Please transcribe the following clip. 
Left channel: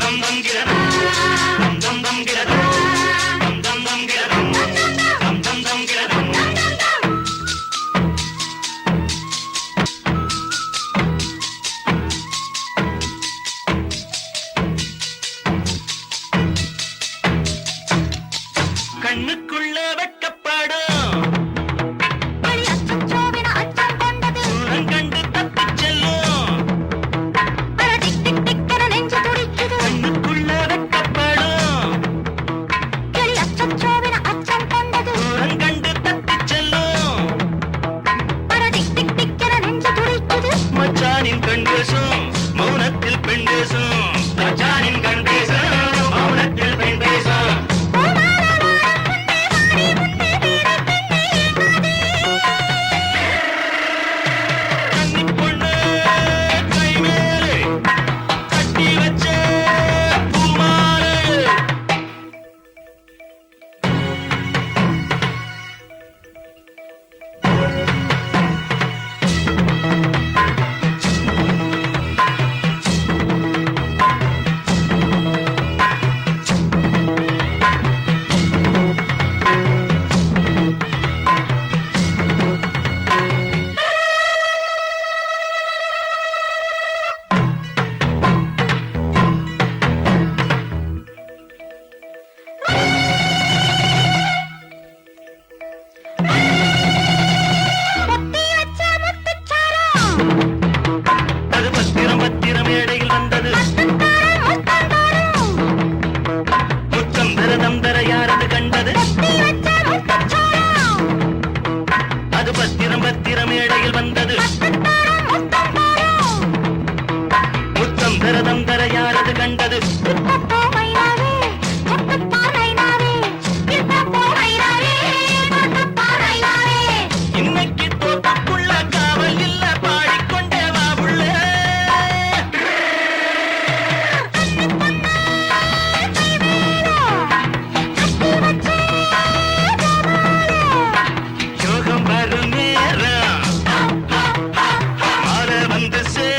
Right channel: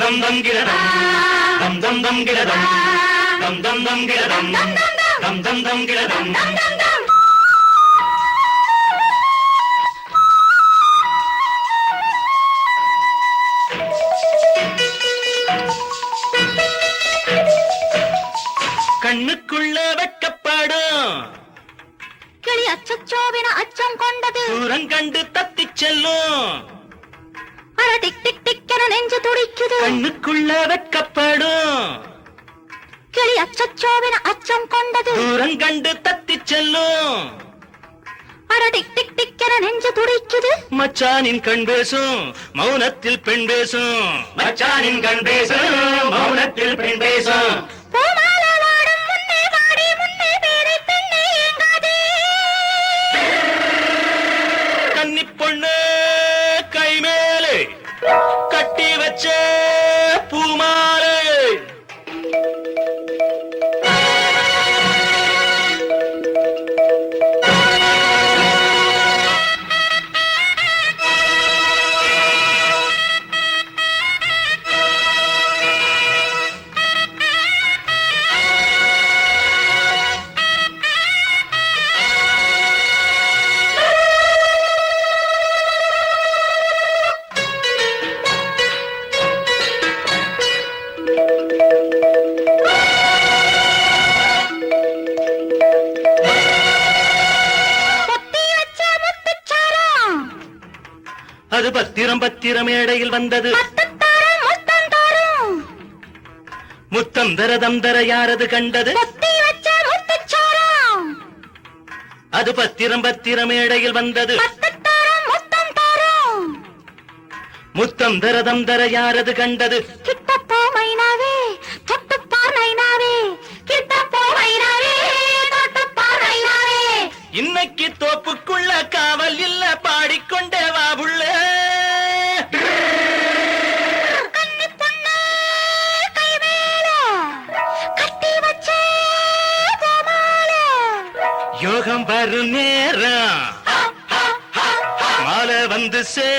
தம் தம் தம் கிரதம் தம் தம் தம் கிரதம் தம் தம் தம் கிரதம் தம் தம் தம் கிரதம் கண்ணுக்குள்ள வெக்கப்படும் அச்சம் கொண்டது. கண்டு தப்பிச் செல்லும். கண்ணுக்குள்ள வெக்கப்படும் கிளி அச்சச்சோவின அச்சம் கொண்டது. தூரம் கண்டு தப்பிச் செல்லும். நெஞ்சு துடிக்குது. மச்சானின் கண் பேசும் மௌனத்தில் பெண் பேசும் மச்சானின் கண் பேசும் மௌனத்தில் பெண் பேசும் பத்திரம் பத்திரம் மேடையில் வந்தது. முத்தம் விரதம் தர யாரது கண்டது? அது பத்திரம் பத்திரம் மேடையில் வந்தது. முத்தம் விரதம் தர யாரது கண்டது? to see.